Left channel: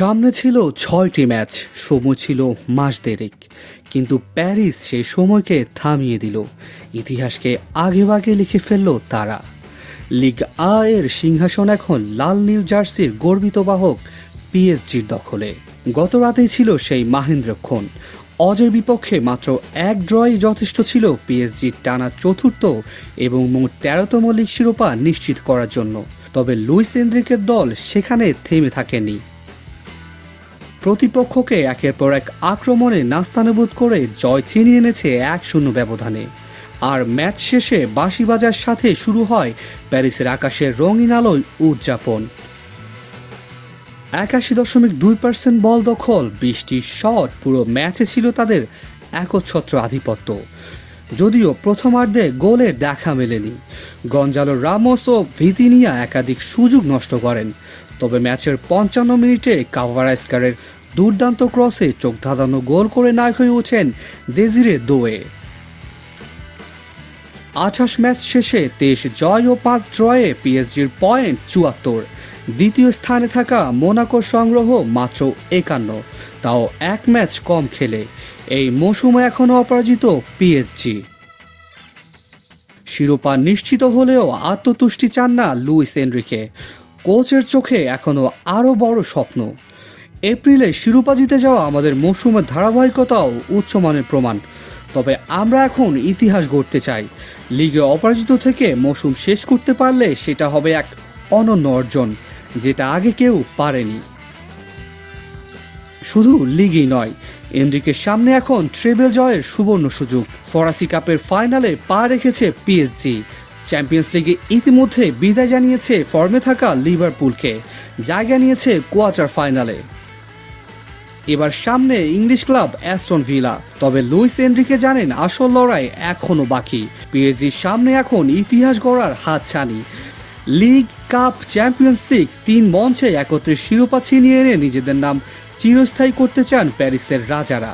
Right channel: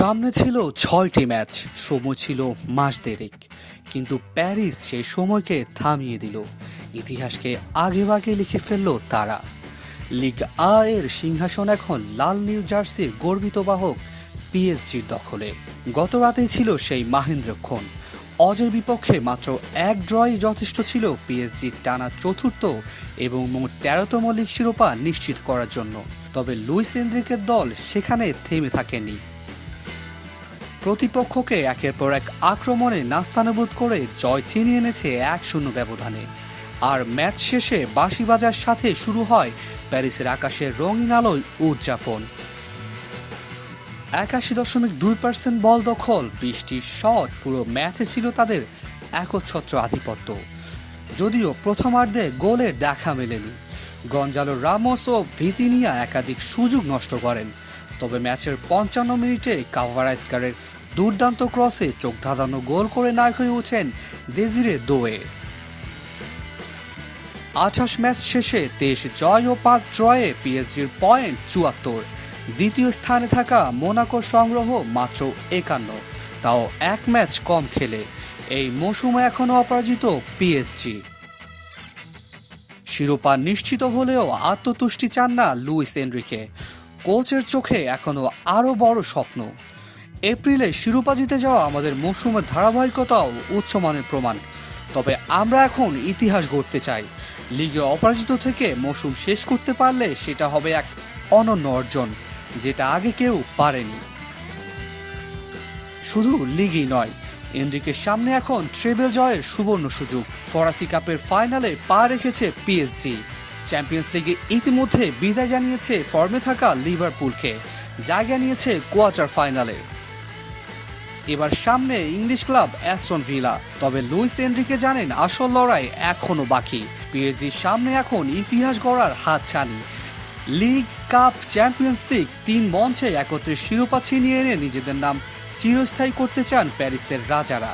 সামনে ছিল ৬টি ম্যাচ, সময় ছিল মাস দেড়েক, কিন্তু প্যারিস সেই সময়কে থামিয়ে দিল। ইতিহাসকে আগেভাগে লিখে ফেলল তারা। লিগ আ এর সিংহাসন এখন লাল নীল জার্সির গর্বিত বাহক পিএসজির দখলে। গত রাতেই ছিল সেই মাহেন্দ্রক্ষণ। অজের বিপক্ষে মাত্র এক ড্রই যথেষ্ট ছিল পিএসজির টানা চতুর্থ এবং মোট ১৩তম লিগ শিরোপা নিশ্চিত করার জন্য। তবে লুইস এনরিকের দল সেখানে থেমে থাকেনি। প্রতিপক্ষকে একের পর এক আক্রমণে নাস্তানাবুদ করে জয় ছিনিয়ে এনেছে ১-০ ব্যবধানে। আর ম্যাচ শেষে বাঁশি বাজার সাথে শুরু হয় প্যারিসের আকাশের রঙিন আলোয় উদযাপন। ৮১.২% বল দখল, ২০টি শট, পুরো ম্যাচে ছিল তাদের একচ্ছত্র আধিপত্য। যদিও প্রথমার্ধে গোলের দেখা মেলেনি, গঞ্জালো রামোস ও ভিতিনিয়া একাধিক সুযোগ নষ্ট করেন। তবে ম্যাচের ৫৫ মিনিটে কাভারাস্কারের দুর্দান্ত ক্রসে চোখ ধাঁধানো গোল করে নায়ক হয়ে ওঠেন দেজিরে দোয়ে। ২৮ ম্যাচ শেষে ২৩ জয় ও ৫ ড্রয়ে পিএসজির পয়েন্ট ৭৪। দ্বিতীয় স্থানে থাকা মোনাকোর সংগ্রহ মাত্র ৫১, তাও এক ম্যাচ কম খেলে। এই মৌসুমে এখনও অপরাজিত পিএসজি। শিরোপা নিশ্চিত হলেও আত্মতুষ্টি চান না লুইস এনরিকে। কোচের চোখে এখনও আরও বড় স্বপ্ন। এপ্রিলে শিরোপা জিতে যাওয়া আমাদের মৌসুমের ধারাবাহিকতাও উচ্চমানের প্রমাণ। তবে আমরা এখন ইতিহাস গড়তে চাই। লিগে অপরাজিত থেকে মৌসুম শেষ করতে পারলে সেটা হবে এক অনন্য অর্জন, যেটা আগে কেউ পারেনি। শুধু লিগই নয়, এনরিকের সামনে এখন ট্রেবল জয়ের সুবর্ণ সুযোগ। ফরাসি কাপের ফাইনালে পা রেখেছে পিএসজি। চ্যাম্পিয়ন্স লিগে ইতিমধ্যে বিদায় জানিয়েছে ফর্মে থাকা লিভারপুলকে, জায়গা নিয়েছে কোয়ার্টার ফাইনালে। এবার সামনে ইংলিশ ক্লাব অ্যাস্টন ভিলা। তবে লুইস এনরিকে জানেন আসল লড়াই এখনো বাকি। পিএসজির সামনে এখন ইতিহাস গড়ার হাতছানি। লিগ, কাপ, চ্যাম্পিয়ন্স লিগ ৩ মঞ্চে একত্রে শিরোপা ছিনিয়ে এনে নিজেদের নাম চিরস্থায়ী করতে চান প্যারিসের রাজারা।